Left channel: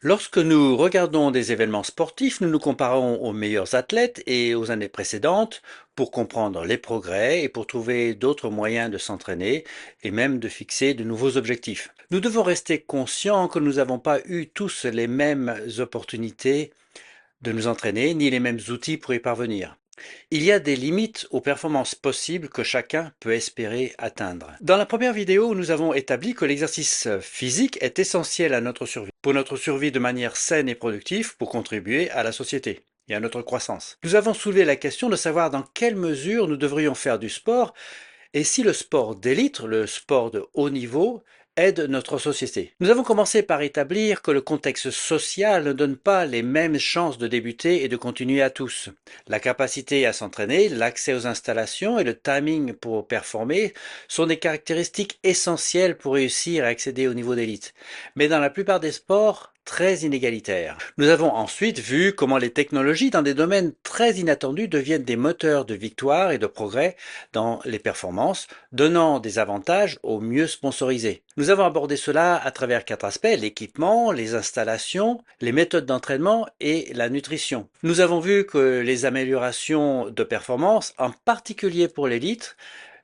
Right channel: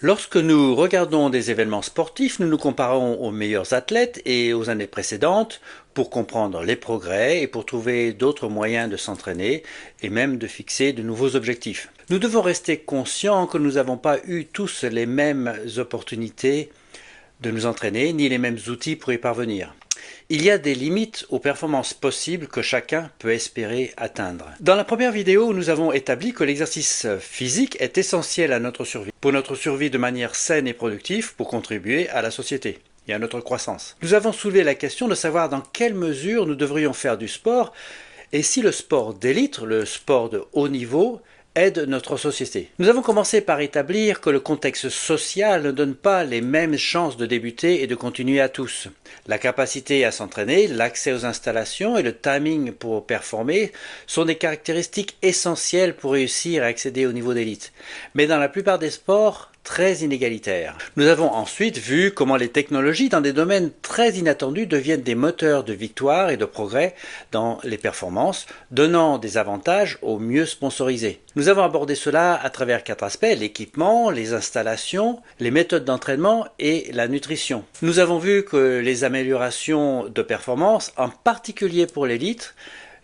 Lorsque nous regardons des événements sportifs, nous nous comparons aux meilleurs athlètes et aux années précédentes pour comprendre les progrès et pour trouver d'autres moyens de s'entraîner et même de fixer de nouveaux objectifs. Nous devons rester conscients que nous n'avons pas eu tous les mêmes opportunités de nous entraîner ni les mêmes outils pour y parvenir. Il y a des limites aux performances possibles que chacun peut espérer atteindre. Dans la première vidéo, nous avons établi que l'exercice physique est essentiel à notre survie, pour notre survie de manière saine et productive, pour contribuer à la société et à notre croissance. Nous avons soulevé la question de savoir dans quelle mesure nous devrions faire du sport et si le sport d'élite, le sport de haut niveau, aide notre société. Nous avons commencé par établir que le contexte social ne donne pas les mêmes chances de débuter et de continuer à tous. La capacité à s'entraîner, l'accès aux installations et le timing pour performer sont des caractéristiques essentielles pour réussir à accéder au niveau d'élite. Mais dans la plupart des sports, très inégalitaires. Nous avons ensuite vu comment les technologies dans des domaines très inattendus deviennent des moteurs de victoire et de progrès dans les performances, donnant des avantages aux mieux sponsorisés. Nous avons abordé cela à travers 4 aspects: l'équipement, les installations, les méthodes d'entraînement et la nutrition. Nous avons vu que les améliorations de performance, en particulier pour l'élite,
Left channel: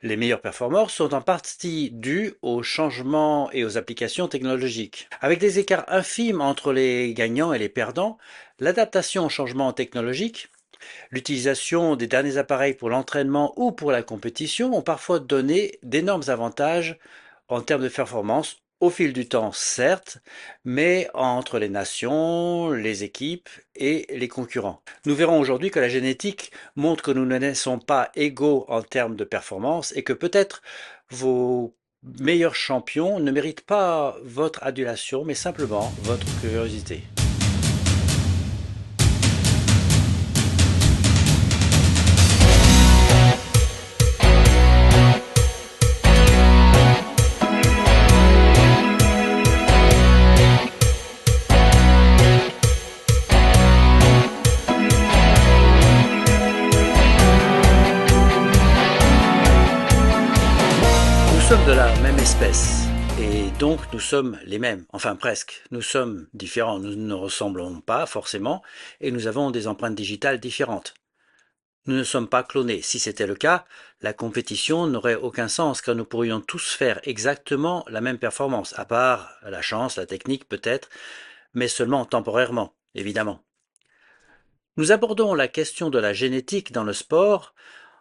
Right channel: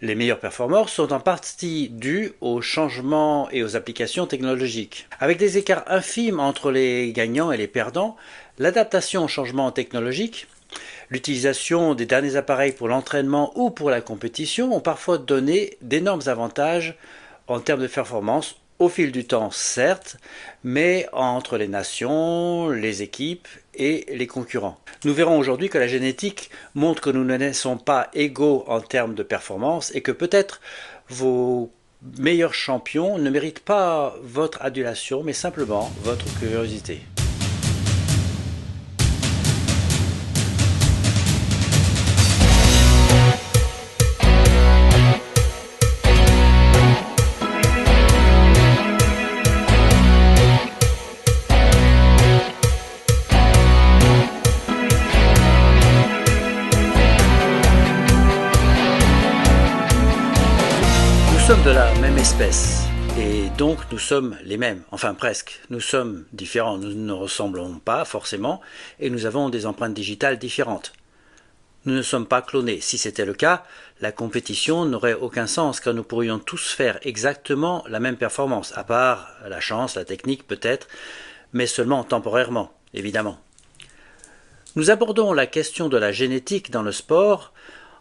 les meilleurs performeurs sont en partie dus aux changements et aux applications technologiques. Avec des écarts infimes entre les gagnants et les perdants, l'adaptation aux changements technologiques, l'utilisation des derniers appareils pour l'entraînement ou pour la compétition ont parfois donné d'énormes avantages en termes de performance au fil du temps, certes, mais entre les nations, les équipes et les concurrents. Nous verrons aujourd'hui que la génétique montre que nous ne naissons pas égaux en termes de performance et que peut-être vos meilleurs champions ne méritent pas votre adulation, mais simplement votre curiosité. Nous sommes de la même espèce et donc nous sommes les mêmes, enfin presque. Nous sommes différents, nous ne ressemblons pas forcément et nous avons des empreintes digitales différentes. Nous ne sommes pas clonés. Si c'était le cas, la compétition n'aurait aucun sens car nous pourrions tous faire exactement la même performance, à part la chance, la technique peut-être, mais seulement temporairement, évidemment. Nous abordons la question de la génétique dans le sport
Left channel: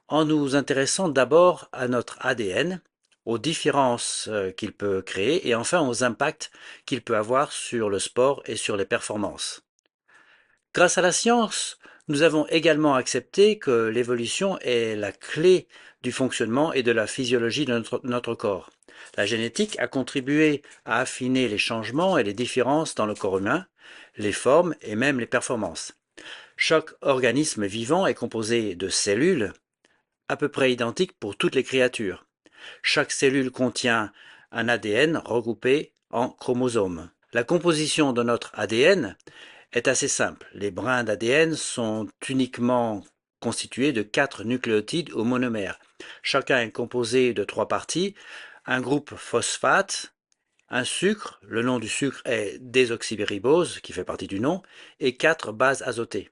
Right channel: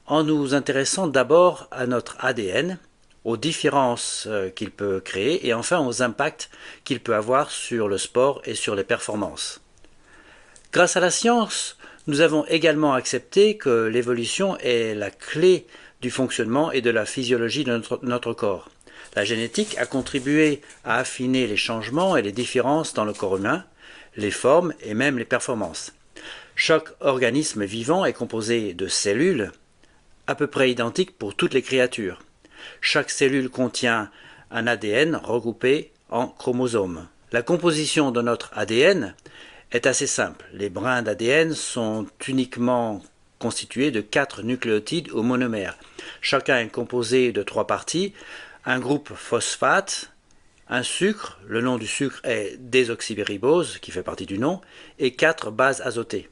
en nous intéressant d'abord à notre ADN, aux différences qu'il peut créer et enfin aux impacts qu'il peut avoir sur le sport et sur les performances. Grâce à la science, nous avons également accepté que l'évolution est la clé du fonctionnement et de la physiologie de notre corps. La génétique a contribué à affiner les changements et les différences dans le corps humain, les formes et même les performances. Chaque organisme vivant est composé de cellules à peu près identiques pour toutes les créatures. Chaque cellule contient un ADN regroupé en chromosomes. La composition de notre ADN est assez simple. Les brins d'ADN sont uniquement constitués de 4 nucléotides ou monomères. Chacun est composé de 3 parties, un groupe phosphate, un sucre, le nom du sucre est désoxyribose, qui fait partie du nom, et 4 bases azotées.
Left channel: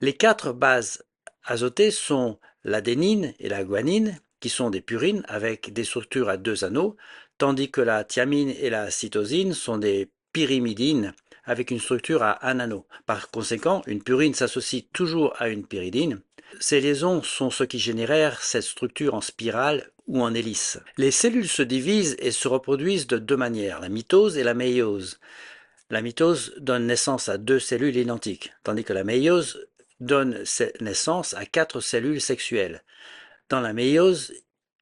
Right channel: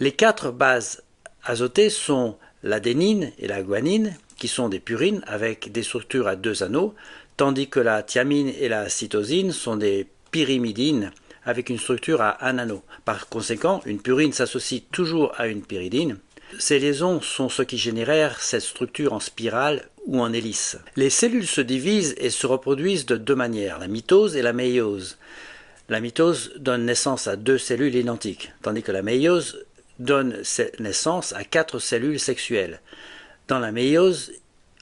Les 4 bases azotées sont l'adénine et la guanine, qui sont des purines avec des structures à 2 anneaux, tandis que la thiamine et la cytosine sont des pyrimidines avec une structure à 1 anneau. Par conséquent, une purine s'associe toujours à une pyridine. Ces liaisons sont ce qui génèrent cette structure en spirale ou en hélice. Les cellules se divisent et se reproduisent de 2 manières, la mitose et la méiose. La mitose donne naissance à 2 cellules identiques, tandis que la méiose donne naissance à 4 cellules sexuelles. Dans la méiose,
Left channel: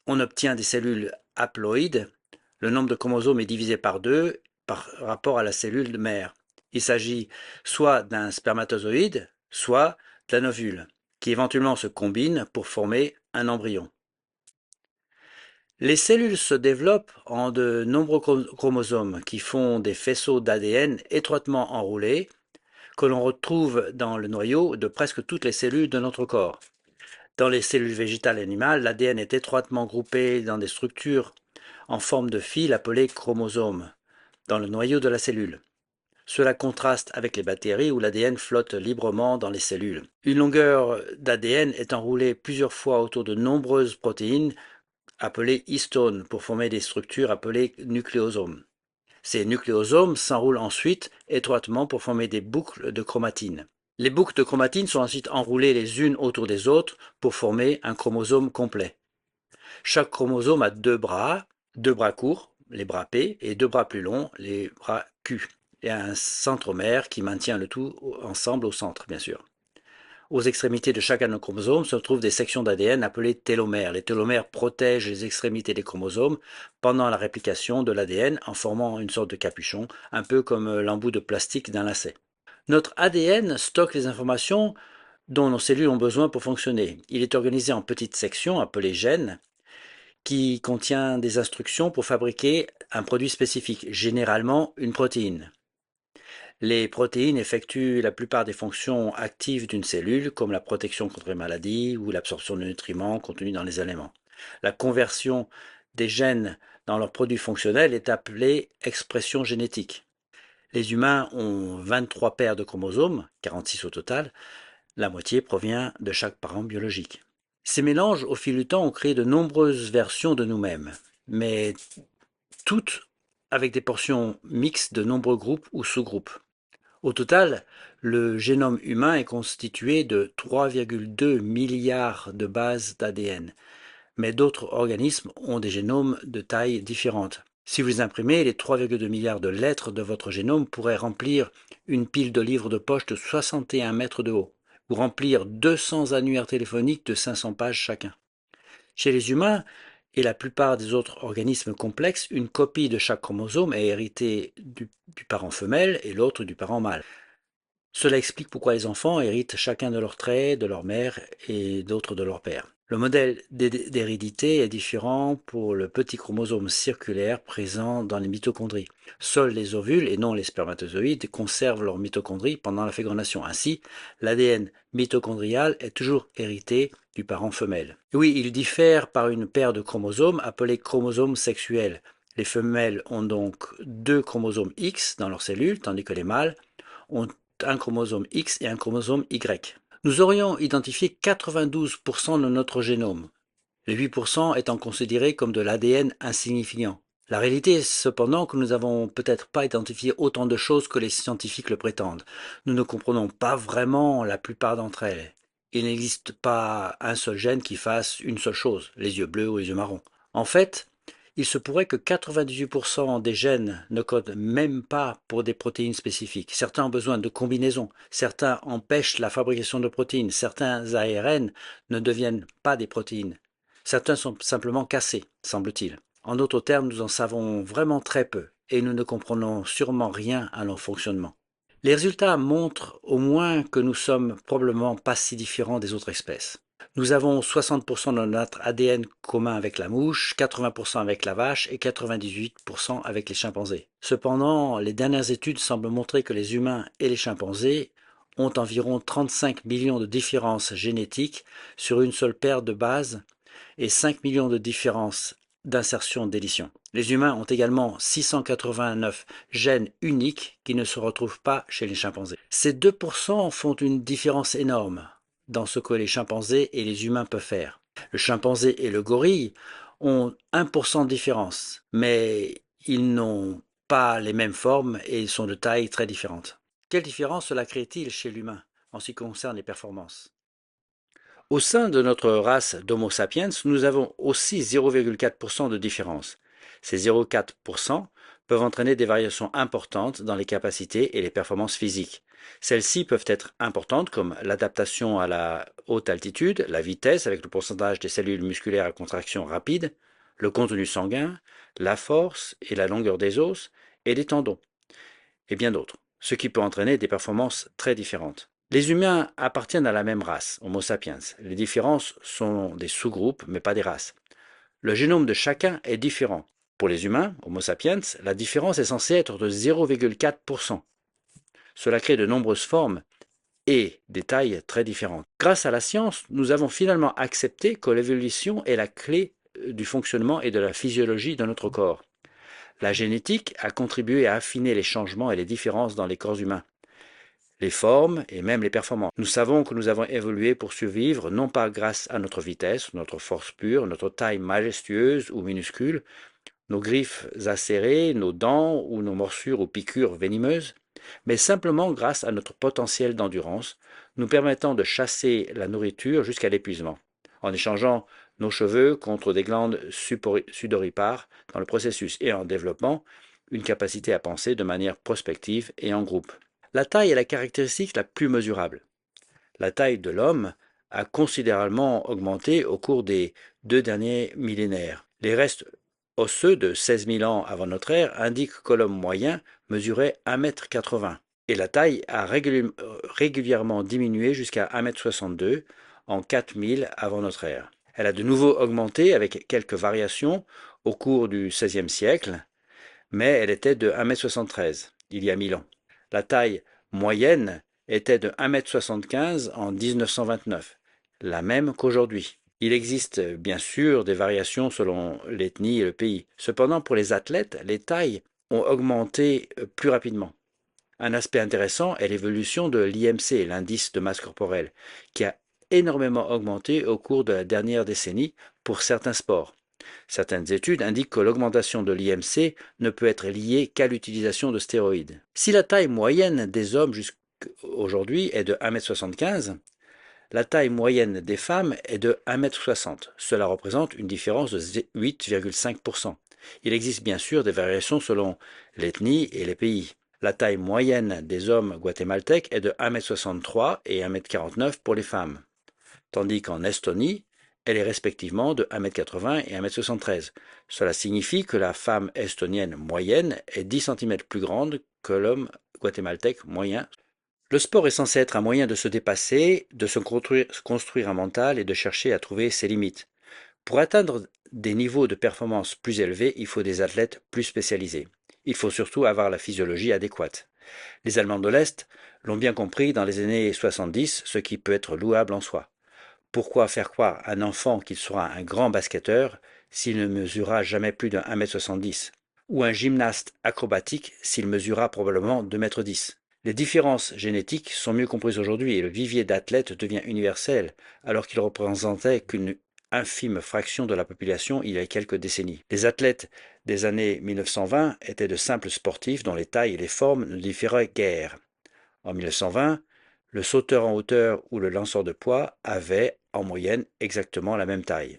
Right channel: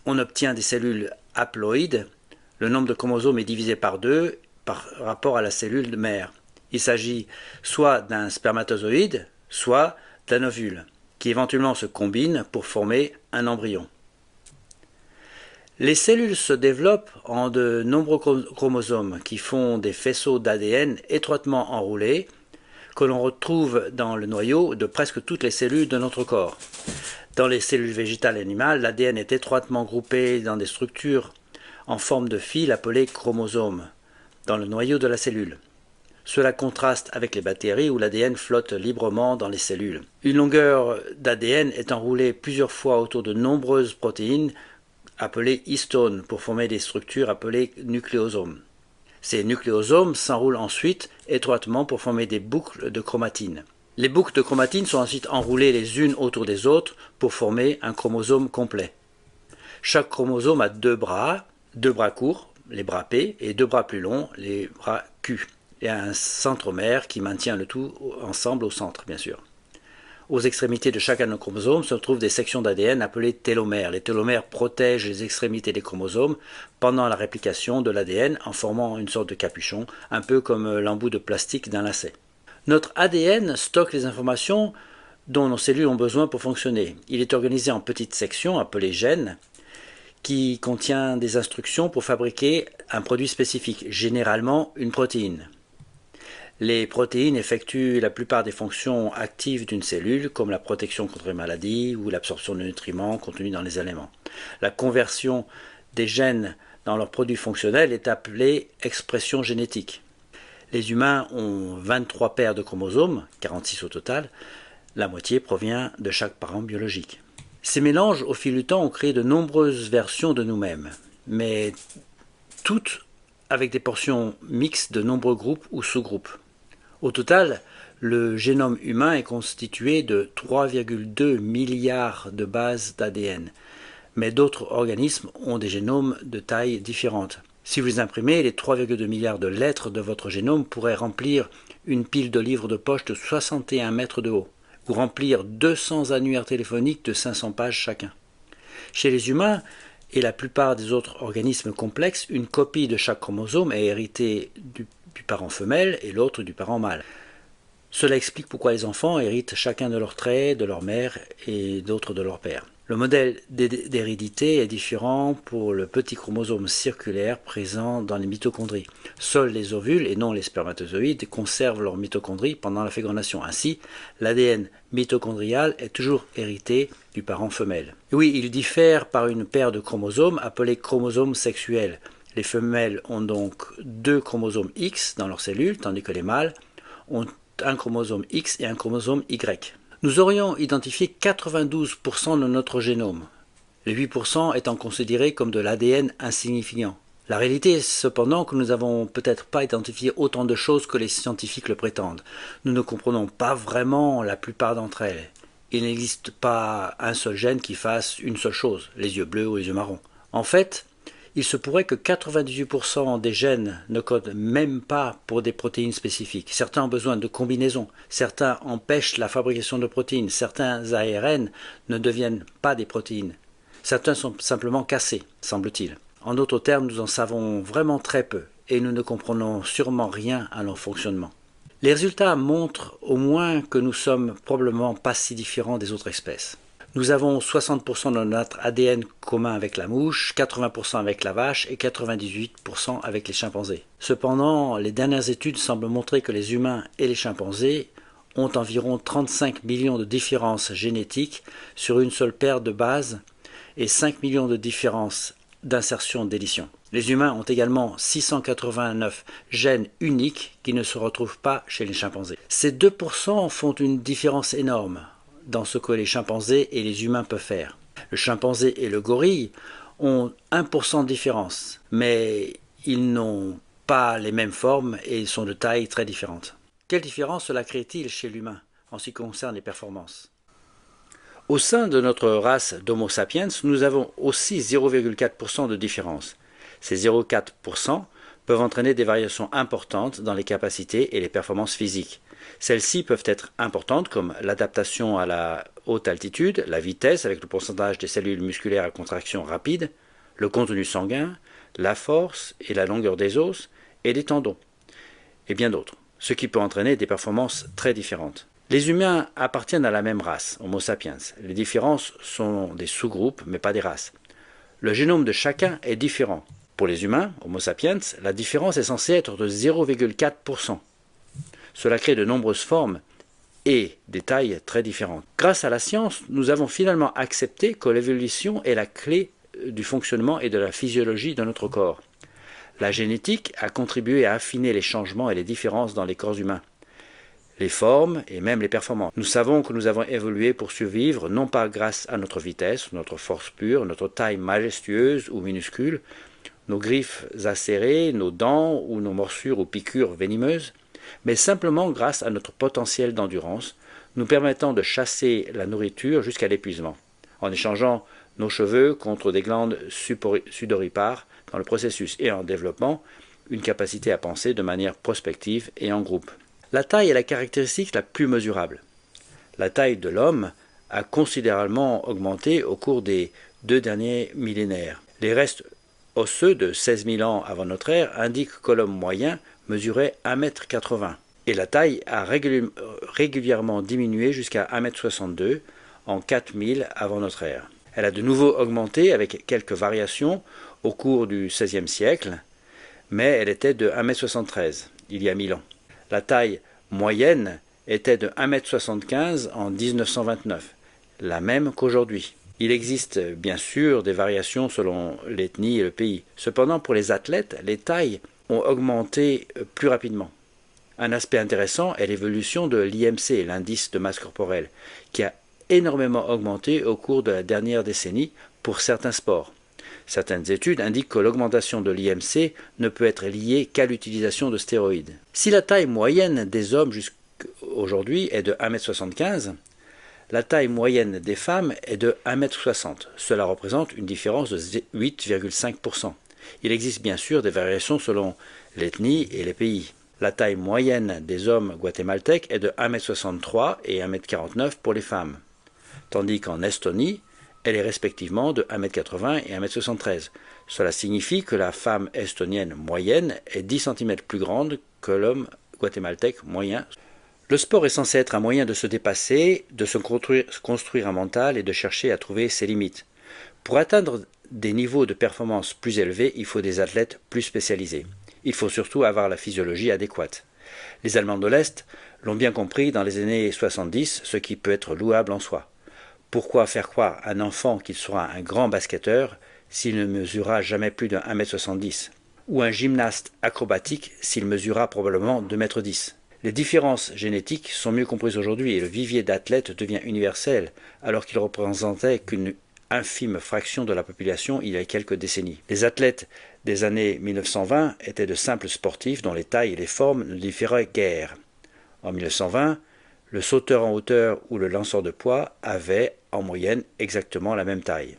on obtient des cellules haploïdes. Le nombre de chromosomes est divisé par 2 par rapport à la cellule mère. Il s'agit soit d'un spermatozoïde, soit d'un ovule, qui éventuellement se combinent pour former un embryon. Les cellules se développent en de nombreux chromosomes qui font des faisceaux d'ADN étroitement enroulés que l'on retrouve dans le noyau de presque toutes les cellules de notre corps. Dans les cellules végétales et animales, l'ADN est étroitement groupé dans des structures en forme de fil appelées chromosomes, dans le noyau de la cellule. Cela contraste avec les bactéries où l'ADN flotte librement dans les cellules. Une longueur d'ADN est enroulée plusieurs fois autour de nombreuses protéines appelées histones pour former des structures appelées nucléosomes. Ces nucléosomes s'enroulent ensuite étroitement pour former des boucles de chromatine. Les boucles de chromatine sont ensuite enroulées les unes autour des autres pour former un chromosome complet. Chaque chromosome a deux bras courts, les bras P, et deux bras plus longs, les bras Q, et un centromère qui maintient le tout ensemble au centre, bien sûr. Aux extrémités de chacun de nos chromosomes se trouvent des sections d'ADN appelées télomères. Les télomères protègent les extrémités des chromosomes pendant la réplication de l'ADN en formant une sorte de capuchon, un peu comme l'embout de plastique d'un lacet. Notre ADN stocke les informations dont nos cellules ont besoin pour fonctionner. Il est organisé en petites sections appelées gènes qui contient des instructions pour fabriquer un produit spécifique, généralement une protéine. Les protéines effectuent la plupart des fonctions actives d'une cellule, comme la protection contre les maladies ou l'absorption de nutriments contenus dans les aliments. La conversion des gènes dans leurs produits fonctionnels est appelée expression génétique. Les humains ont 23 paires de chromosomes, 46 au total. La moitié provient de chaque parent biologique. Ces mélanges, au fil du temps, ont créé de nombreuses versions de nous-mêmes, mais toutes avec des portions mixtes de nombreux groupes ou sous-groupes. Au total, le génome humain est constitué de 3,2 milliards de bases d'ADN, mais d'autres organismes ont des génomes de taille différente. Si vous imprimez, les 3,2 milliards de lettres de votre génome pourraient remplir une pile de livres de poche de 61 mètres de haut, ou remplir 200 annuaires téléphoniques de 500 pages chacun. Chez les humains et la plupart des autres organismes complexes, une copie de chaque chromosome est héritée du parent femelle et l'autre du parent mâle. Cela explique pourquoi les enfants héritent chacun de leurs traits, de leur mère et d'autres de leur père. Le modèle d'hérédité est différent pour le petit chromosome circulaire présent dans les mitochondries. Seuls les ovules et non les spermatozoïdes conservent leurs mitochondries pendant la fécondation. Ainsi, l'ADN mitochondrial est toujours hérité du parent femelle. Oui, il diffère par une paire de chromosomes appelés chromosomes sexuels. Les femelles ont donc deux chromosomes X dans leurs cellules, tandis que les mâles ont un chromosome X et un chromosome Y. Nous aurions identifié 92% de notre génome, les 8% étant considérés comme de l'ADN insignifiant. La réalité est cependant que nous n'avons peut-être pas identifié autant de choses que les scientifiques le prétendent. Nous ne comprenons pas vraiment la plupart d'entre elles. Il n'existe pas un seul gène qui fasse une seule chose, les yeux bleus ou les yeux marrons. En fait, il se pourrait que 98% des gènes ne codent même pas pour des protéines spécifiques. Certains ont besoin de combinaisons, certains empêchent la fabrication de protéines, certains ARN ne deviennent pas des protéines. Certains sont simplement cassés, semble-t-il. En d'autres termes, nous en savons vraiment très peu et nous ne comprenons sûrement rien à leur fonctionnement. Les résultats montrent au moins que nous sommes probablement pas si différents des autres espèces. Nous avons 60% de notre ADN commun avec la mouche, 80% avec la vache et 98% avec les chimpanzés. Cependant, les dernières études semblent montrer que les humains et les chimpanzés ont environ 35 millions de différences génétiques sur une seule paire de bases et 5 millions de différences d'insertion-délition. Les humains ont également 689 gènes uniques qui ne se retrouvent pas chez les chimpanzés. Ces 2% font une différence énorme dans ce que les chimpanzés et les humains peuvent faire. Le chimpanzé et le gorille ont 1% de différence, mais ils n'ont pas les mêmes formes et ils sont de tailles très différentes. Quelle différence cela crée-t-il chez l'humain en ce qui concerne les performances? Au sein de notre race d'Homo sapiens, nous avons aussi 0,4% de différence. Ces 0,4% peuvent entraîner des variations importantes dans les capacités et les performances physiques. Celles-ci peuvent être importantes comme l'adaptation à la haute altitude, la vitesse avec le pourcentage des cellules musculaires à contraction rapide, le contenu sanguin, la force et la longueur des os et des tendons, et bien d'autres, ce qui peut entraîner des performances très différentes. Les humains appartiennent à la même race, Homo sapiens. Les différences sont des sous-groupes, mais pas des races. Le génome de chacun est différent. Pour les humains, Homo sapiens, la différence est censée être de 0,4%. Cela crée de nombreuses formes et des tailles très différentes. Grâce à la science, nous avons finalement accepté que l'évolution est la clé du fonctionnement et de la physiologie de notre corps. La génétique a contribué à affiner les changements et les différences dans les corps humains, les formes et même les performances. Nous savons que nous avons évolué pour survivre, non pas grâce à notre vitesse, notre force pure, notre taille majestueuse ou minuscule, nos griffes acérées, nos dents ou nos morsures ou piqûres venimeuses, mais simplement grâce à notre potentiel d'endurance, nous permettant de chasser la nourriture jusqu'à l'épuisement, en échangeant nos cheveux contre des glandes sudoripares dans le processus et en développant une capacité à penser de manière prospective et en groupe. La taille est la caractéristique la plus mesurable. La taille de l'homme a considérablement augmenté au cours des 2 derniers millénaires. Les restes osseux de 16 000 ans avant notre ère indiquent que l'homme moyen mesurait 1,80 m et la taille a régulièrement diminué jusqu'à 1,62 m en 4000 avant notre ère. Elle a de nouveau augmenté avec quelques variations au cours du XVIe siècle, mais elle était de 1,73 m il y a 1000 ans. La taille moyenne était de 1,75 m en 1929, la même qu'aujourd'hui. Il existe bien sûr des variations selon l'ethnie et le pays. Cependant, pour les athlètes, les tailles ont augmenté plus rapidement. Un aspect intéressant est l'évolution de l'IMC, l'indice de masse corporelle, qui a énormément augmenté au cours de la dernière décennie pour certains sports. Certaines études indiquent que l'augmentation de l'IMC ne peut être liée qu'à l'utilisation de stéroïdes. Si la taille moyenne des hommes jusqu'aujourd'hui est de 1,75 m, la taille moyenne des femmes est de 1,60 m. Cela représente une différence de 8,5 %. Il existe bien sûr des variations selon l'ethnie et les pays. La taille moyenne des hommes guatémaltèques est de 1,63 m et 1,49 m pour les femmes, tandis qu'en Estonie, elle est respectivement de 1,80 m et 1,73 m. Cela signifie que la femme estonienne moyenne est 10 cm plus grande que l'homme guatémaltèque moyen. Le sport est censé être un moyen de se dépasser, de se construire un mental et de chercher à trouver ses limites. Pour atteindre des niveaux de performance plus élevés, il faut des athlètes plus spécialisés. Il faut surtout avoir la physiologie adéquate. Les Allemands de l'Est l'ont bien compris dans les années 70, ce qui peut être louable en soi. Pourquoi faire croire à un enfant qu'il sera un grand basketteur s'il ne mesurera jamais plus de 1,70 m, ou un gymnaste acrobatique s'il mesurera probablement 2,10 m? Les différences génétiques sont mieux comprises aujourd'hui et le vivier d'athlètes devient universel, alors qu'il représentait qu'une infime fraction de la population il y a quelques décennies. Les athlètes des années 1920 étaient de simples sportifs dont les tailles et les formes ne différaient guère. En 1920, le sauteur en hauteur ou le lanceur de poids avaient en moyenne exactement la même taille.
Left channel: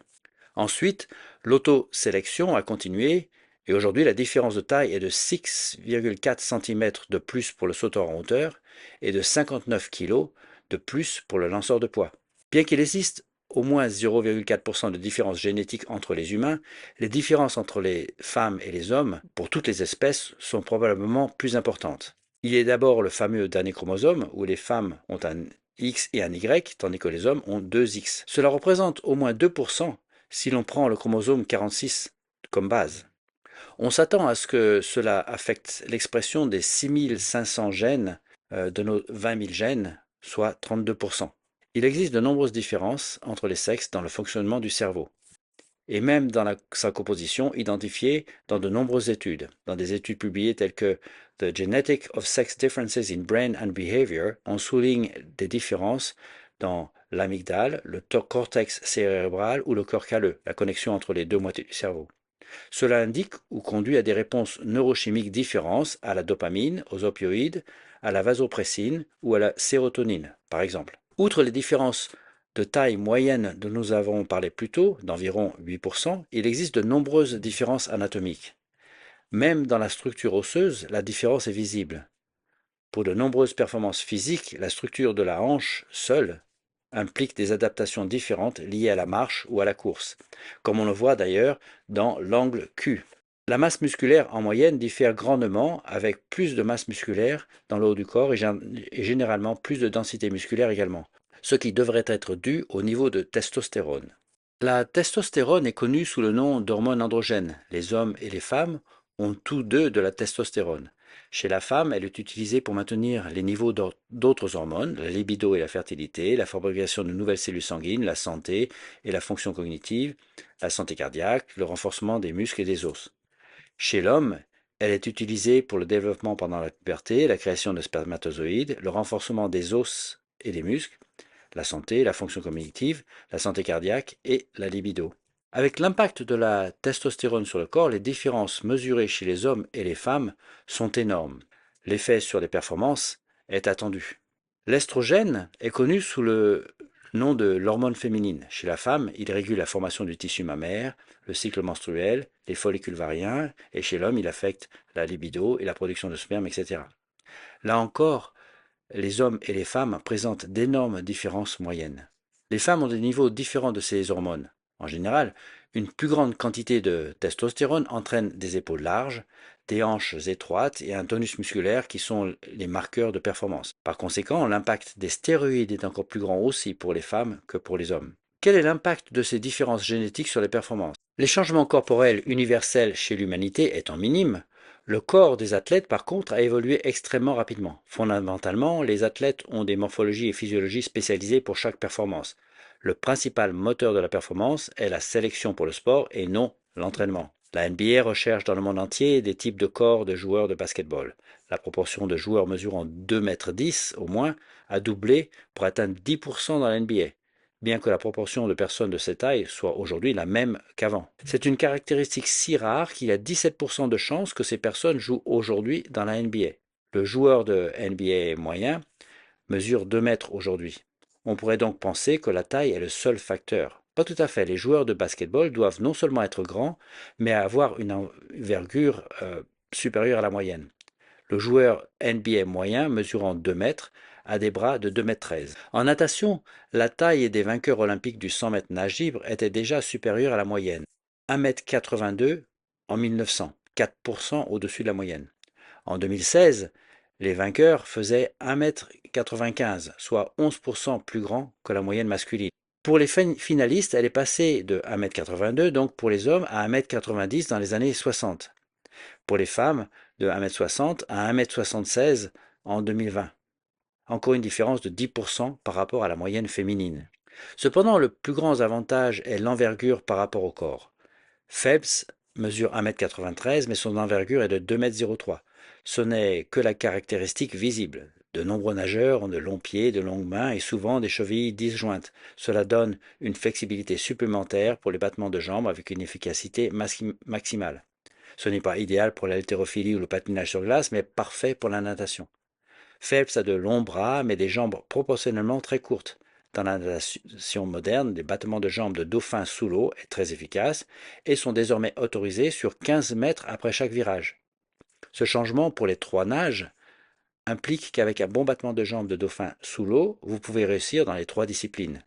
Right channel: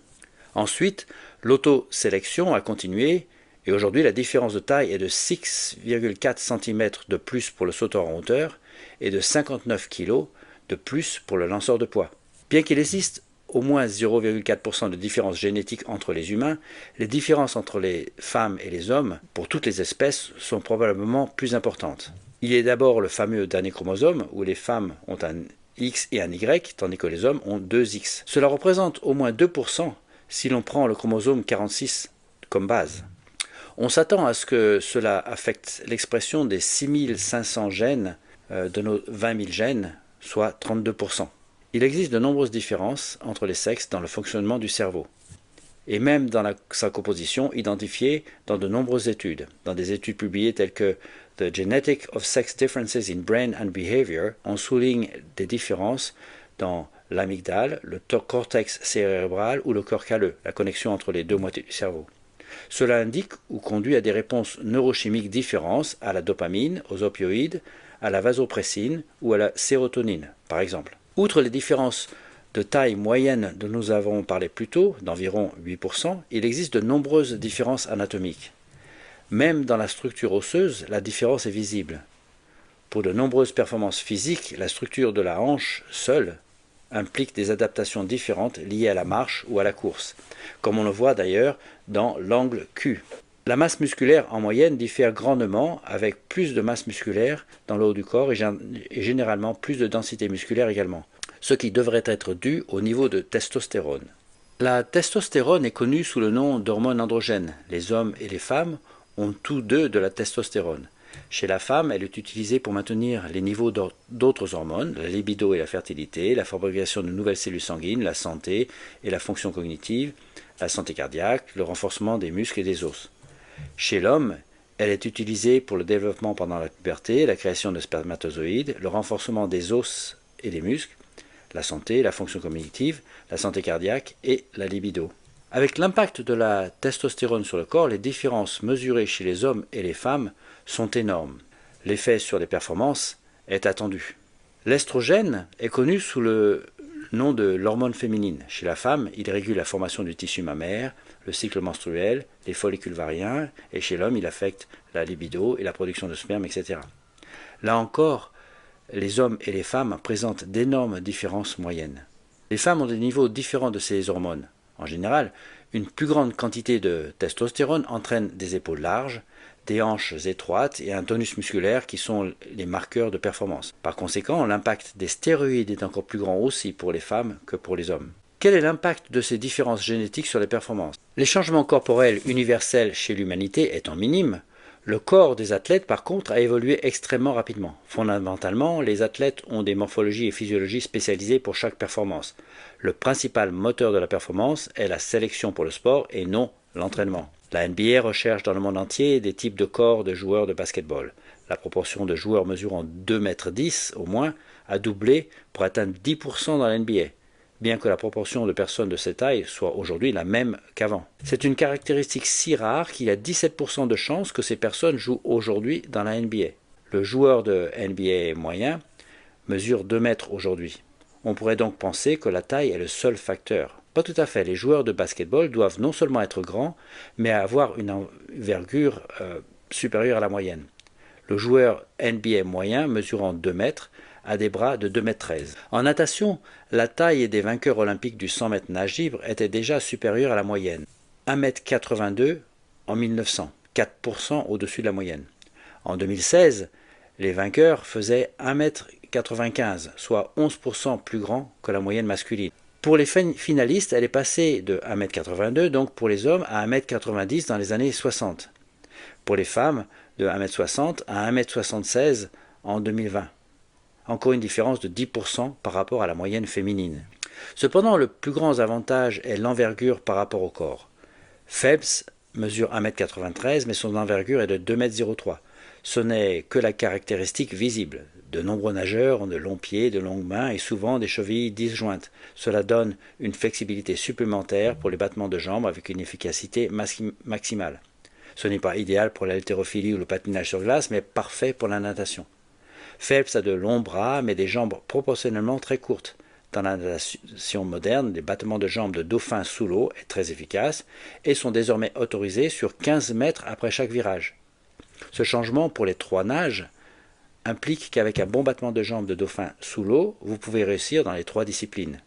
Ensuite, l'autosélection a continué et aujourd'hui la différence de taille est de 6,4 cm de plus pour le sauteur en hauteur et de 59 kg de plus pour le lanceur de poids. Bien qu'il existe au moins 0,4 % de différence génétique entre les humains, les différences entre les femmes et les hommes, pour toutes les espèces, sont probablement plus importantes. Il y a d'abord le fameux dernier chromosome, où les femmes ont un X et un Y, tandis que les hommes ont 2 X. Cela représente au moins 2 % si l'on prend le chromosome 46 comme base. On s'attend à ce que cela affecte l'expression des 6500 gènes de nos 20 000 gènes, soit 32 %. Il existe de nombreuses différences entre les sexes dans le fonctionnement du cerveau, et même dans sa composition identifiée dans de nombreuses études. Dans des études publiées telles que The Genetic of Sex Differences in Brain and Behavior, on souligne des différences dans l'amygdale, le cortex cérébral ou le corps calleux, la connexion entre les deux moitiés du cerveau. Cela indique ou conduit à des réponses neurochimiques différentes à la dopamine, aux opioïdes, à la vasopressine ou à la sérotonine, par exemple. Outre les différences de taille moyenne dont nous avons parlé plus tôt, d'environ 8 %, il existe de nombreuses différences anatomiques. Même dans la structure osseuse, la différence est visible. Pour de nombreuses performances physiques, la structure de la hanche seule implique des adaptations différentes liées à la marche ou à la course, comme on le voit d'ailleurs dans l'angle Q. La masse musculaire en moyenne diffère grandement, avec plus de masse musculaire dans le haut du corps et généralement plus de densité musculaire également, ce qui devrait être dû au niveau de testostérone. La testostérone est connue sous le nom d'hormone androgène. Les hommes et les femmes ont tous deux de la testostérone. Chez la femme, elle est utilisée pour maintenir les niveaux d'autres hormones, la libido et la fertilité, la fabrication de nouvelles cellules sanguines, la santé et la fonction cognitive, la santé cardiaque, le renforcement des muscles et des os. Chez l'homme, Elle est utilisée pour le développement pendant la puberté, la création de spermatozoïdes, le renforcement des os et des muscles, la santé, la fonction cognitive, la santé cardiaque et la libido. Avec l'impact de la testostérone sur le corps, les différences mesurées chez les hommes et les femmes sont énormes. L'effet sur les performances est attendu. L'estrogène est connu sous le nom de l'hormone féminine. Chez la femme, il régule la formation du tissu mammaire, le cycle menstruel, les follicules ovariens, et chez l'homme, il affecte la libido et la production de sperme, etc. Là encore, les hommes et les femmes présentent d'énormes différences moyennes. Les femmes ont des niveaux différents de ces hormones. En général, une plus grande quantité de testostérone entraîne des épaules larges, des hanches étroites et un tonus musculaire qui sont les marqueurs de performance. Par conséquent, l'impact des stéroïdes est encore plus grand aussi pour les femmes que pour les hommes. Quel est l'impact de ces différences génétiques sur les performances? Les changements corporels universels chez l'humanité étant minimes, le corps des athlètes, par contre, a évolué extrêmement rapidement. Fondamentalement, les athlètes ont des morphologies et physiologies spécialisées pour chaque performance. Le principal moteur de la performance est la sélection pour le sport et non l'entraînement. La NBA recherche dans le monde entier des types de corps de joueurs de basketball. La proportion de joueurs mesurant 2,10 m au moins a doublé pour atteindre 10% dans la NBA, bien que la proportion de personnes de cette taille soit aujourd'hui la même qu'avant. C'est une caractéristique si rare qu'il y a 17% de chances que ces personnes jouent aujourd'hui dans la NBA. Le joueur de NBA moyen mesure 2 mètres aujourd'hui. On pourrait donc penser que la taille est le seul facteur. Pas tout à fait. Les joueurs de basketball doivent non seulement être grands, mais avoir une envergure supérieure à la moyenne. Le joueur NBA moyen, mesurant 2 mètres, a des bras de 2,13 m. En natation, la taille des vainqueurs olympiques du 100 mètres nage libre était déjà supérieure à la moyenne. 1,82 m en 1900, 4% au-dessus de la moyenne. En 2016, les vainqueurs faisaient 1,95 m, soit 11% plus grand que la moyenne masculine. Pour les finalistes, elle est passée de 1,82 m, donc pour les hommes, à 1,90 m dans les années 60. Pour les femmes, de 1,60 m à 1,76 m en 2020. Encore une différence de 10% par rapport à la moyenne féminine. Cependant, le plus grand avantage est l'envergure par rapport au corps. Phelps mesure 1,93 m, mais son envergure est de 2,03 m. Ce n'est que la caractéristique visible. De nombreux nageurs ont de longs pieds, de longues mains et souvent des chevilles disjointes. Cela donne une flexibilité supplémentaire pour les battements de jambes avec une efficacité maximale. Ce n'est pas idéal pour l'haltérophilie ou le patinage sur glace, mais parfait pour la natation. Phelps a de longs bras, mais des jambes proportionnellement très courtes. Dans la natation moderne, les battements de jambes de dauphin sous l'eau est très efficace et sont désormais autorisés sur 15 mètres après chaque virage. Ce changement pour les 3 nages implique qu'avec un bon battement de jambes de dauphin sous l'eau, vous pouvez réussir dans les 3 disciplines.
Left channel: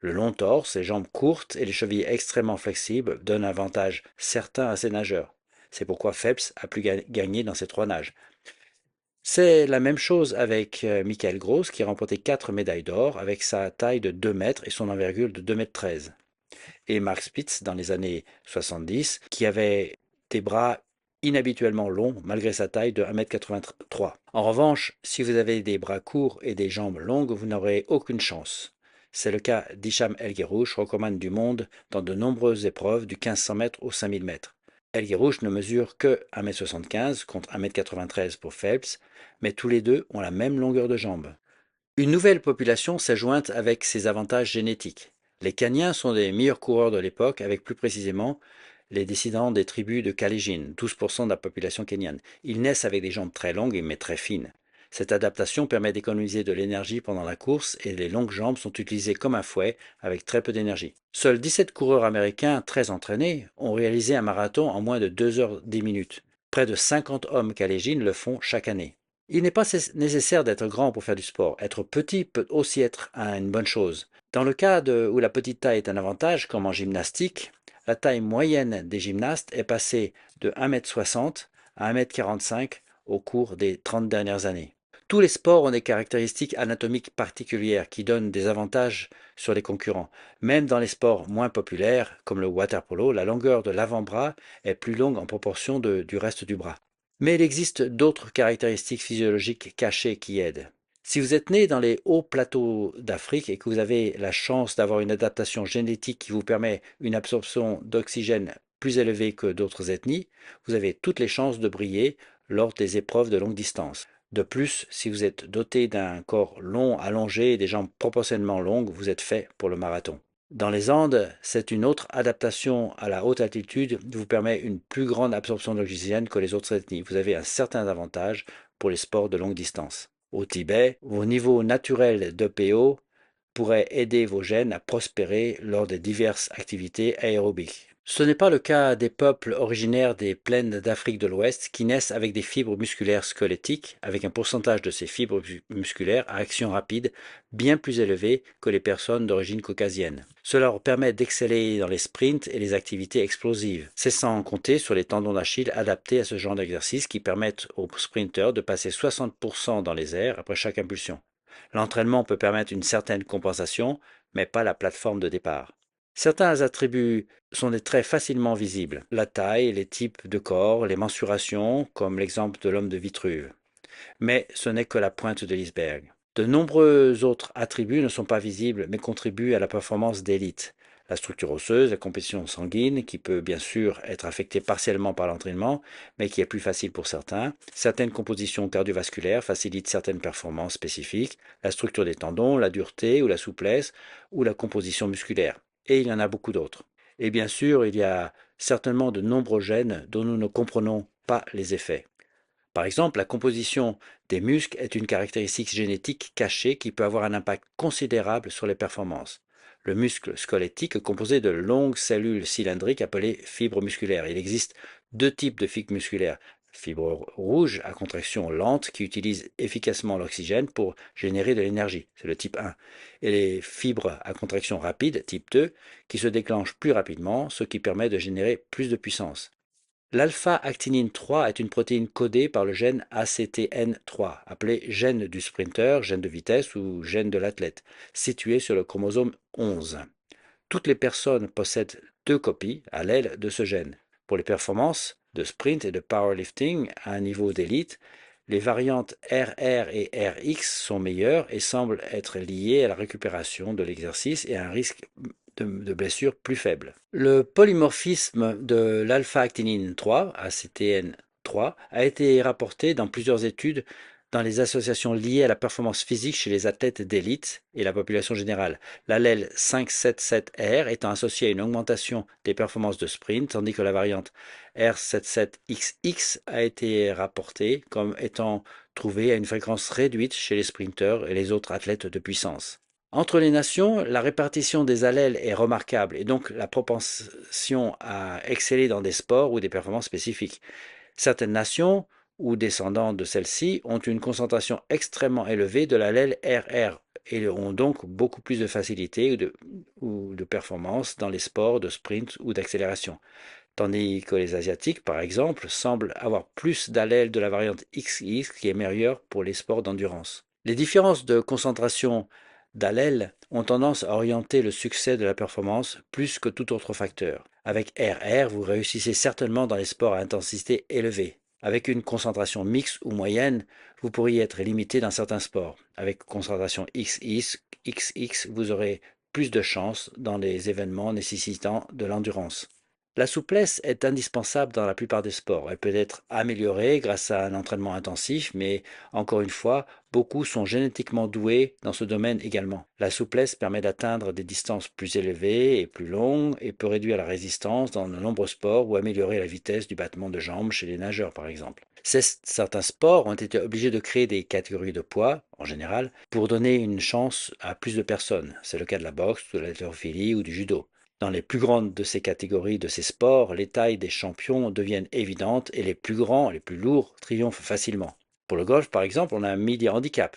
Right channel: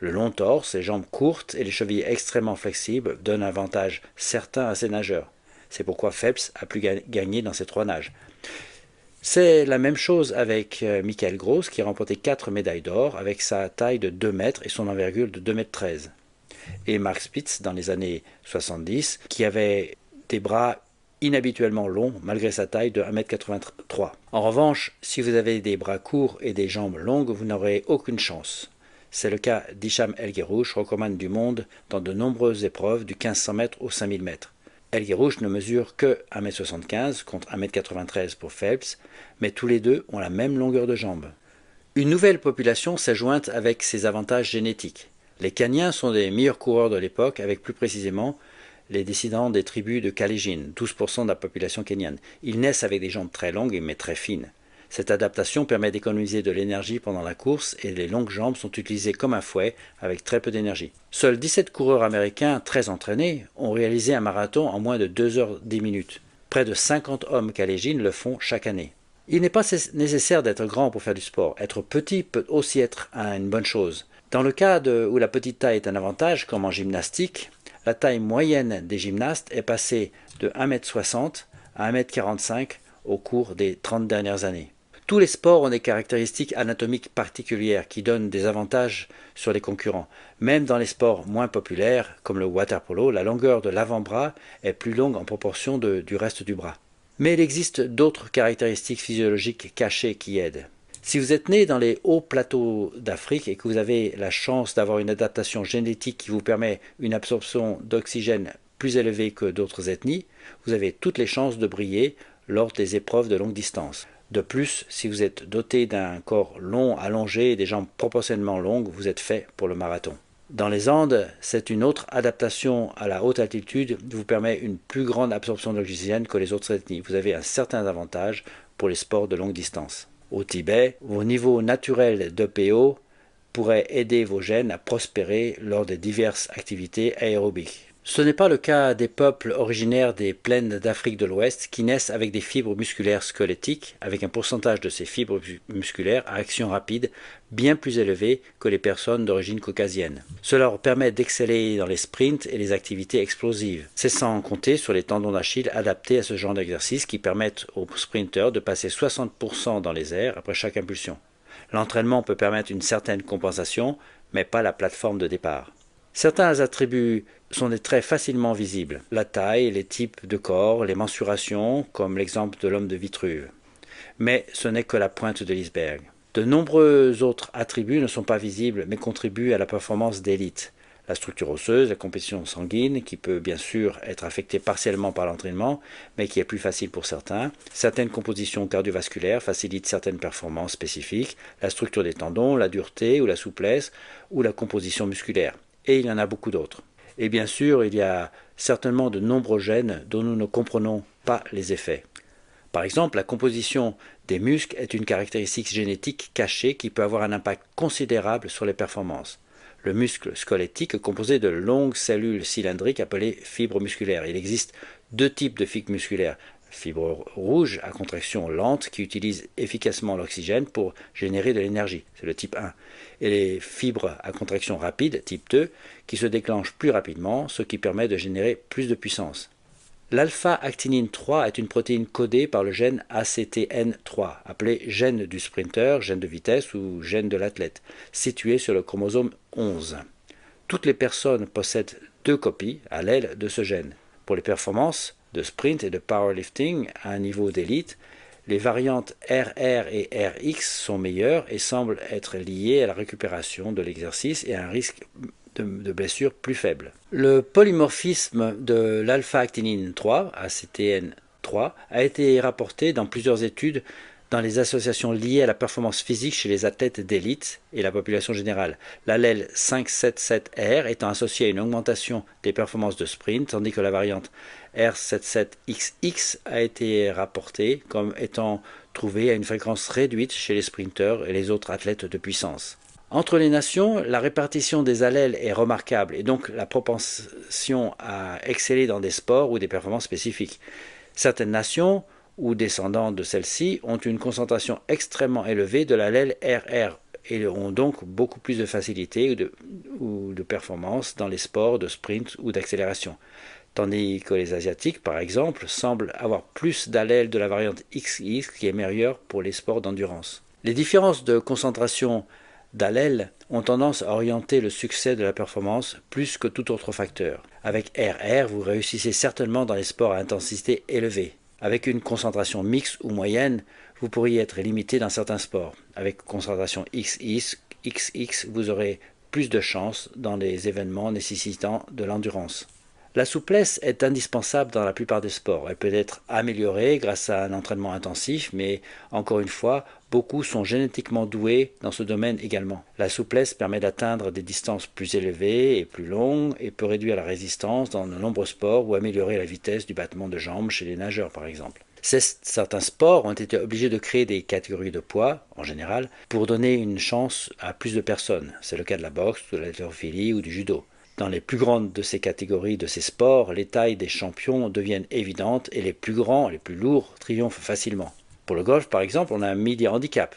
Le long torse, les jambes courtes et les chevilles extrêmement flexibles donnent un avantage certain à ces nageurs. C'est pourquoi Phelps a pu gagner dans ces 3 nages. C'est la même chose avec Michael Gross qui a remporté 4 médailles d'or avec sa taille de 2 mètres et son envergure de 2,13 m. Et Mark Spitz dans les années 70 qui avait des bras inhabituellement long malgré sa taille de 1,83 m. En revanche, si vous avez des bras courts et des jambes longues, vous n'aurez aucune chance. C'est le cas d'Hicham El Guerrouj, recordman du monde dans de nombreuses épreuves du 1500 mètres au 5000 mètres. El Guerrouj ne mesure que 1,75 m contre 1,93 m pour Phelps, mais tous les deux ont la même longueur de jambes. Une nouvelle population s'est jointe avec ses avantages génétiques. Les Kenyans sont des meilleurs coureurs de l'époque, avec plus précisément les descendants des tribus de Kalenjin, 12% de la population kenyane. Ils naissent avec des jambes très longues mais très fines. Cette adaptation permet d'économiser de l'énergie pendant la course et les longues jambes sont utilisées comme un fouet avec très peu d'énergie. Seuls 17 coureurs américains très entraînés ont réalisé un marathon en moins de 2h10. Près de 50 hommes kalenjin le font chaque année. Il n'est pas nécessaire d'être grand pour faire du sport. Être petit peut aussi être une bonne chose. Dans le cas où la petite taille est un avantage, comme en gymnastique, la taille moyenne des gymnastes est passée de 1,60 m à 1,45 m au cours des 30 dernières années. Tous les sports ont des caractéristiques anatomiques particulières qui donnent des avantages sur les concurrents. Même dans les sports moins populaires, comme le water-polo, la longueur de l'avant-bras est plus longue en proportion du reste du bras. Mais il existe d'autres caractéristiques physiologiques cachées qui aident. Si vous êtes né dans les hauts plateaux d'Afrique et que vous avez la chance d'avoir une adaptation génétique qui vous permet une absorption d'oxygène plus élevé que d'autres ethnies, vous avez toutes les chances de briller lors des épreuves de longue distance. De plus, si vous êtes doté d'un corps long, allongé et des jambes proportionnellement longues, vous êtes fait pour le marathon. Dans les Andes, c'est une autre adaptation à la haute altitude qui vous permet une plus grande absorption d'oxygène que les autres ethnies. Vous avez un certain avantage pour les sports de longue distance. Au Tibet, vos niveaux naturels d'EPO pourraient aider vos gènes à prospérer lors de diverses activités aérobiques. Ce n'est pas le cas des peuples originaires des plaines d'Afrique de l'Ouest qui naissent avec des fibres musculaires squelettiques, avec un pourcentage de ces fibres musculaires à action rapide bien plus élevé que les personnes d'origine caucasienne. Cela leur permet d'exceller dans les sprints et les activités explosives. C'est sans compter sur les tendons d'Achille adaptés à ce genre d'exercice qui permettent aux sprinteurs de passer 60% dans les airs après chaque impulsion. L'entraînement peut permettre une certaine compensation, mais pas la plateforme de départ. Certains attributs sont des traits facilement visibles. La taille, les types de corps, les mensurations, comme l'exemple de l'homme de Vitruve. Mais ce n'est que la pointe de l'iceberg. De nombreux autres attributs ne sont pas visibles, mais contribuent à la performance d'élite. La structure osseuse, la compétition sanguine, qui peut bien sûr être affectée partiellement par l'entraînement, mais qui est plus facile pour certains. Certaines compositions cardiovasculaires facilitent certaines performances spécifiques. La structure des tendons, la dureté ou la souplesse, ou la composition musculaire. Et il y en a beaucoup d'autres. Et bien sûr, il y a certainement de nombreux gènes dont nous ne comprenons pas les effets. Par exemple, la composition des muscles est une caractéristique génétique cachée qui peut avoir un impact considérable sur les performances. Le muscle squelettique est composé de longues cellules cylindriques appelées fibres musculaires. Il existe deux types de fibres musculaires. Fibres rouges à contraction lente qui utilisent efficacement l'oxygène pour générer de l'énergie, c'est le type 1. Et les fibres à contraction rapide, type 2, qui se déclenchent plus rapidement, ce qui permet de générer plus de puissance. L'alpha-actinine 3 est une protéine codée par le gène ACTN3, appelé gène du sprinter, gène de vitesse ou gène de l'athlète, situé sur le chromosome 11. Toutes les personnes possèdent deux copies allèles de ce gène. Pour les performances de sprint et de powerlifting à un niveau d'élite, les variantes RR et RX sont meilleures et semblent être liées à la récupération de l'exercice et à un risque de blessure plus faible. Le polymorphisme de l'alpha-actinine 3, ACTN3, a été rapporté dans plusieurs études dans les associations liées à la performance physique chez les athlètes d'élite et la population générale. L'allèle 577R étant associé à une augmentation des performances de sprint, tandis que la variante R77XX a été rapportée comme étant trouvée à une fréquence réduite chez les sprinteurs et les autres athlètes de puissance. Entre les nations, la répartition des allèles est remarquable et donc la propension à exceller dans des sports ou des performances spécifiques. Certaines nations ou descendants de celles-ci ont une concentration extrêmement élevée de l'allèle RR et ont donc beaucoup plus de facilité ou de performance dans les sports de sprint ou d'accélération. Tandis que les Asiatiques, par exemple, semblent avoir plus d'allèles de la variante XX qui est meilleure pour les sports d'endurance. Les différences de concentration d'allèles ont tendance à orienter le succès de la performance plus que tout autre facteur. Avec RR, vous réussissez certainement dans les sports à intensité élevée. Avec une concentration mixte ou moyenne, vous pourriez être limité dans certains sports. Avec concentration XX, vous aurez plus de chances dans des événements nécessitant de l'endurance. La souplesse est indispensable dans la plupart des sports. Elle peut être améliorée grâce à un entraînement intensif, mais encore une fois, beaucoup sont génétiquement doués dans ce domaine également. La souplesse permet d'atteindre des distances plus élevées et plus longues et peut réduire la résistance dans de nombreux sports ou améliorer la vitesse du battement de jambes chez les nageurs par exemple. Certains sports ont été obligés de créer des catégories de poids, en général, pour donner une chance à plus de personnes. C'est le cas de la boxe, de l'haltérophilie ou du judo. Dans les plus grandes de ces catégories, de ces sports, les tailles des champions deviennent évidentes et les plus grands, les plus lourds, triomphent facilement. Pour le golf, par exemple, on a un media handicap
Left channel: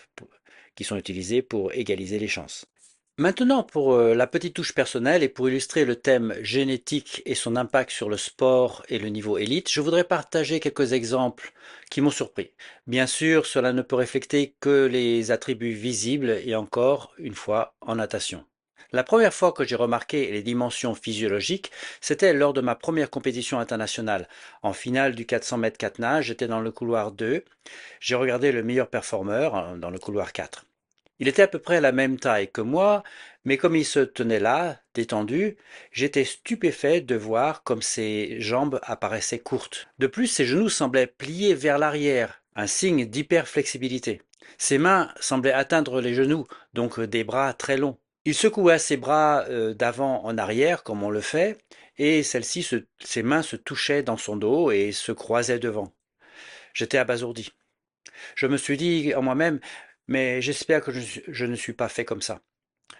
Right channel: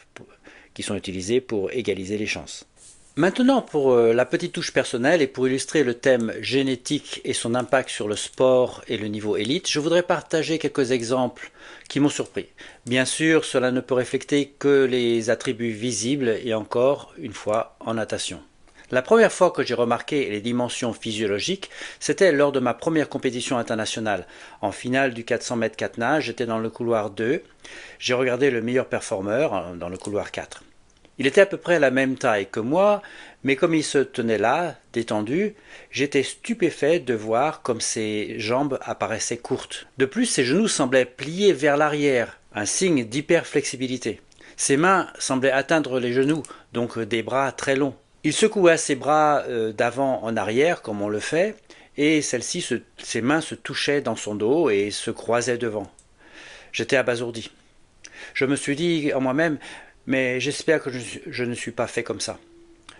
qui sont utilisés pour égaliser les chances. Maintenant, pour la petite touche personnelle et pour illustrer le thème génétique et son impact sur le sport et le niveau élite, je voudrais partager quelques exemples qui m'ont surpris. Bien sûr, cela ne peut refléter que les attributs visibles et encore une fois en natation. La première fois que j'ai remarqué les dimensions physiologiques, c'était lors de ma première compétition internationale. En finale du 400 mètres 4 nages, j'étais dans le couloir 2. J'ai regardé le meilleur performeur dans le couloir 4. Il était à peu près la même taille que moi, mais comme il se tenait là, détendu, j'étais stupéfait de voir comme ses jambes apparaissaient courtes. De plus, ses genoux semblaient pliés vers l'arrière, un signe d'hyperflexibilité. Ses mains semblaient atteindre les genoux, donc des bras très longs. Il secoua ses bras d'avant en arrière, comme on le fait, et ses mains se touchaient dans son dos et se croisaient devant. J'étais abasourdi. Je me suis dit en moi-même, mais j'espère que je ne suis pas fait comme ça.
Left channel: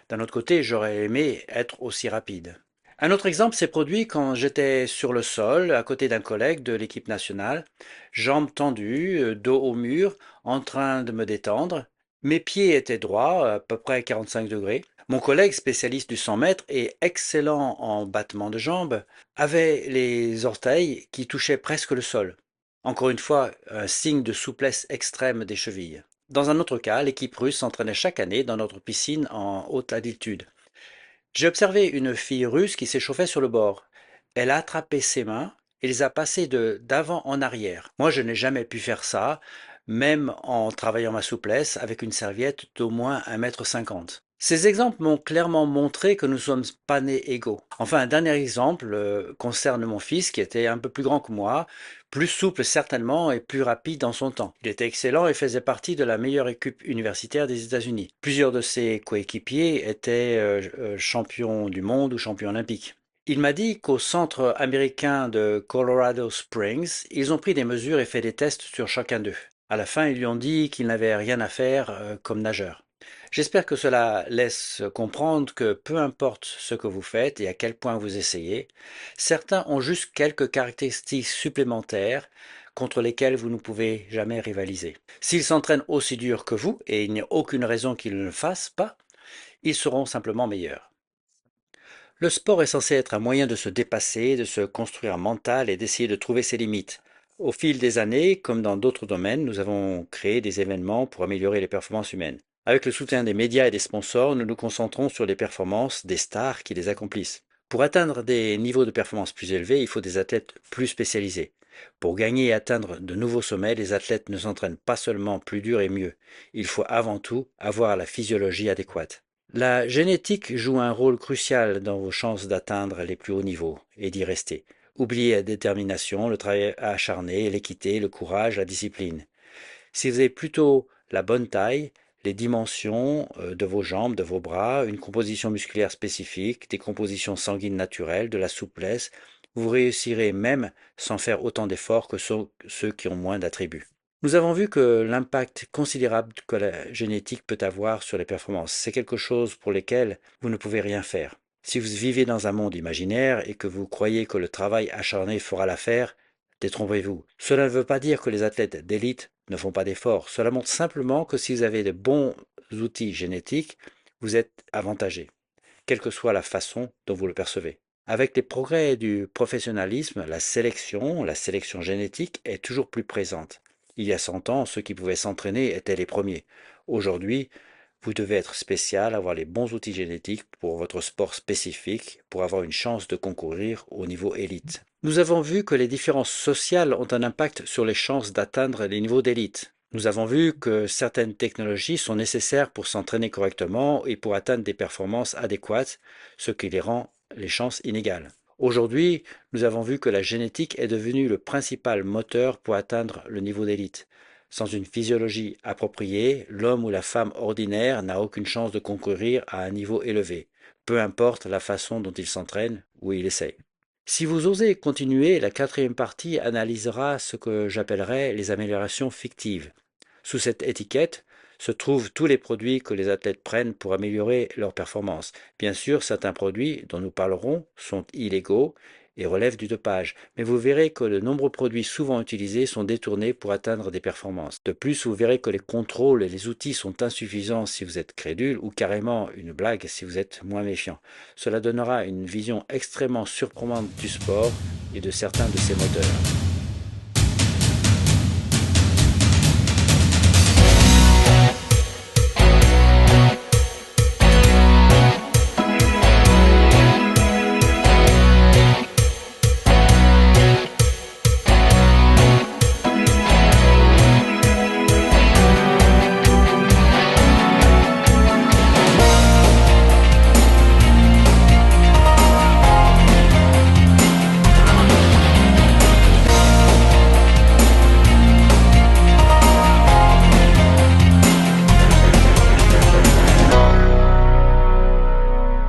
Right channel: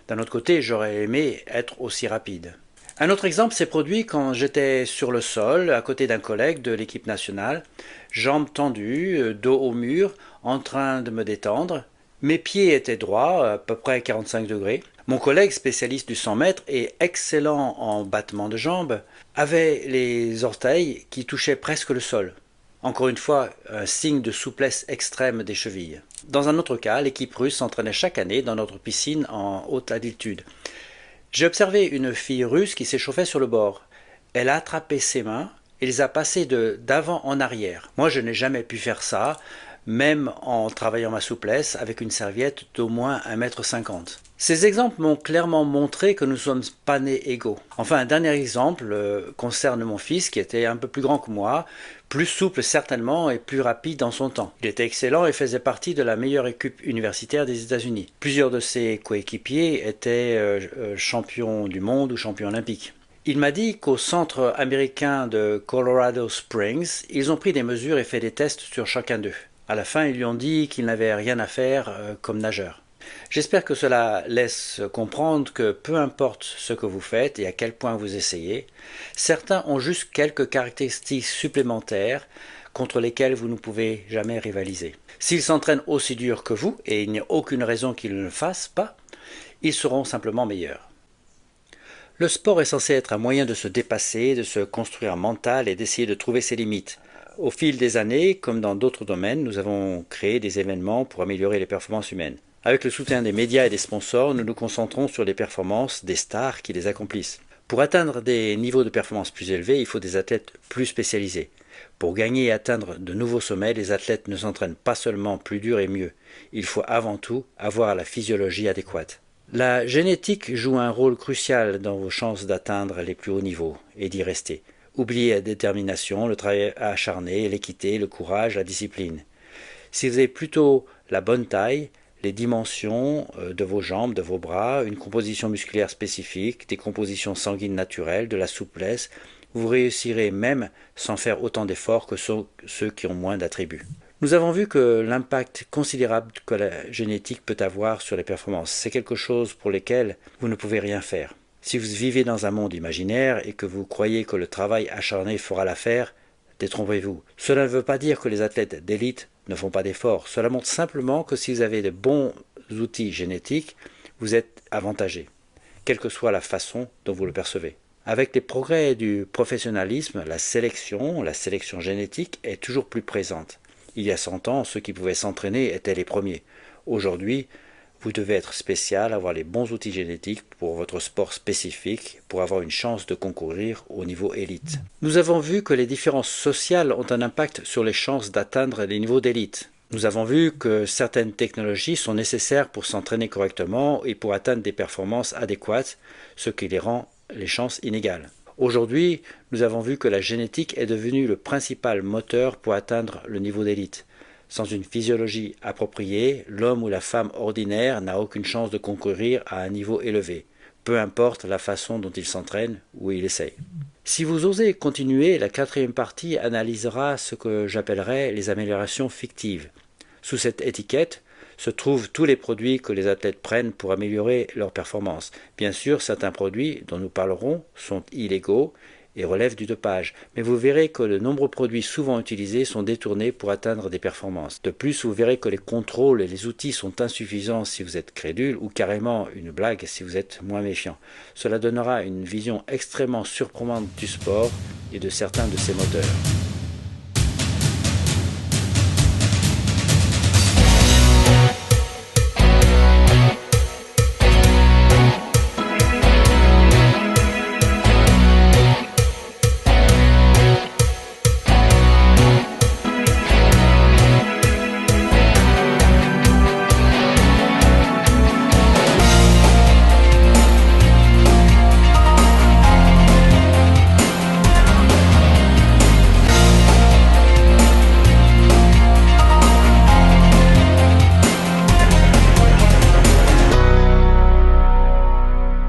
D'un autre côté, j'aurais aimé être aussi rapide. Un autre exemple s'est produit quand j'étais sur le sol, à côté d'un collègue de l'équipe nationale, jambes tendues, dos au mur, en train de me détendre. Mes pieds étaient droits, à peu près 45 degrés. Mon collègue, spécialiste du 100 mètres et excellent en battement de jambes, avait les orteils qui touchaient presque le sol. Encore une fois, un signe de souplesse extrême des chevilles. Dans un autre cas, l'équipe russe s'entraînait chaque année dans notre piscine en haute altitude. J'ai observé une fille russe qui s'échauffait sur le bord. Elle a attrapé ses mains et les a passées d'avant en arrière. Moi, je n'ai jamais pu faire ça, même en travaillant ma souplesse avec une serviette d'au moins 1,50 m. Ces exemples m'ont clairement montré que nous ne sommes pas nés égaux. Enfin, un dernier exemple concerne mon fils qui était un peu plus grand que moi, plus souple certainement et plus rapide dans son temps. Il était excellent et faisait partie de la meilleure équipe universitaire des États-Unis. Plusieurs de ses coéquipiers étaient champions du monde ou champions olympiques. Il m'a dit qu'au centre américain de Colorado Springs, ils ont pris des mesures et fait des tests sur chacun d'eux. À la fin, ils lui ont dit qu'il n'avait rien à faire comme nageur. J'espère que cela laisse comprendre que peu importe ce que vous faites et à quel point vous essayez, certains ont juste quelques caractéristiques supplémentaires contre lesquelles vous ne pouvez jamais rivaliser. S'ils s'entraînent aussi dur que vous, et il n'y a aucune raison qu'ils ne le fassent pas, ils seront simplement meilleurs. Le sport est censé être un moyen de se dépasser, de se construire mental et d'essayer de trouver ses limites. Au fil des années, comme dans d'autres domaines, nous avons créé des événements pour améliorer les performances humaines. Avec le soutien des médias et des sponsors, nous nous concentrons sur les performances des stars qui les accomplissent. Pour atteindre des niveaux de performance plus élevés, il faut des athlètes plus spécialisés. Pour gagner et atteindre de nouveaux sommets, les athlètes ne s'entraînent pas seulement plus dur et mieux. Il faut avant tout avoir la physiologie adéquate. La génétique joue un rôle crucial dans vos chances d'atteindre les plus hauts niveaux et d'y rester. Oubliez la détermination, le travail acharné, l'équité, le courage, la discipline. Si vous avez plutôt la bonne taille, les dimensions de vos jambes, de vos bras, une composition musculaire spécifique, des compositions sanguines naturelles, de la souplesse, vous réussirez même sans faire autant d'efforts que ceux qui ont moins d'attributs. Nous avons vu que l'impact considérable que la génétique peut avoir sur les performances, c'est quelque chose pour lequel vous ne pouvez rien faire. Si vous vivez dans un monde imaginaire et que vous croyez que le travail acharné fera l'affaire, détrompez-vous. Cela ne veut pas dire que les athlètes d'élite ne font pas d'efforts. Cela montre simplement que si vous avez de bons outils génétiques, vous êtes avantagé, quelle que soit la façon dont vous le percevez. Avec les progrès du professionnalisme, la sélection génétique est toujours plus présente. Il y a 100 ans, ceux qui pouvaient s'entraîner étaient les premiers. Aujourd'hui, vous devez être spécial, avoir les bons outils génétiques pour votre sport spécifique, pour avoir une chance de concourir au niveau élite. Nous avons vu que les différences sociales ont un impact sur les chances d'atteindre les niveaux d'élite. Nous avons vu que certaines technologies sont nécessaires pour s'entraîner correctement et pour atteindre des performances adéquates, ce qui les rend les chances inégales. Aujourd'hui, nous avons vu que la génétique est devenue le principal moteur pour atteindre le niveau d'élite. Sans une physiologie appropriée, l'homme ou la femme ordinaire n'a aucune chance de concourir à un niveau élevé, peu importe la façon dont il s'entraîne ou il essaie. Si vous osez continuer, la quatrième partie analysera ce que j'appellerais les améliorations fictives. Sous cette étiquette se trouvent tous les produits que les athlètes prennent pour améliorer leur performance. Bien sûr, certains produits dont nous parlerons sont illégaux et relèvent du dopage, mais vous verrez que de nombreux produits souvent utilisés sont détournés pour atteindre des performances. De plus, vous verrez que les contrôles et les outils sont insuffisants si vous êtes crédule ou carrément une blague si vous êtes moins méfiant. Cela donnera une vision extrêmement surprenante du sport et de certains de ses moteurs.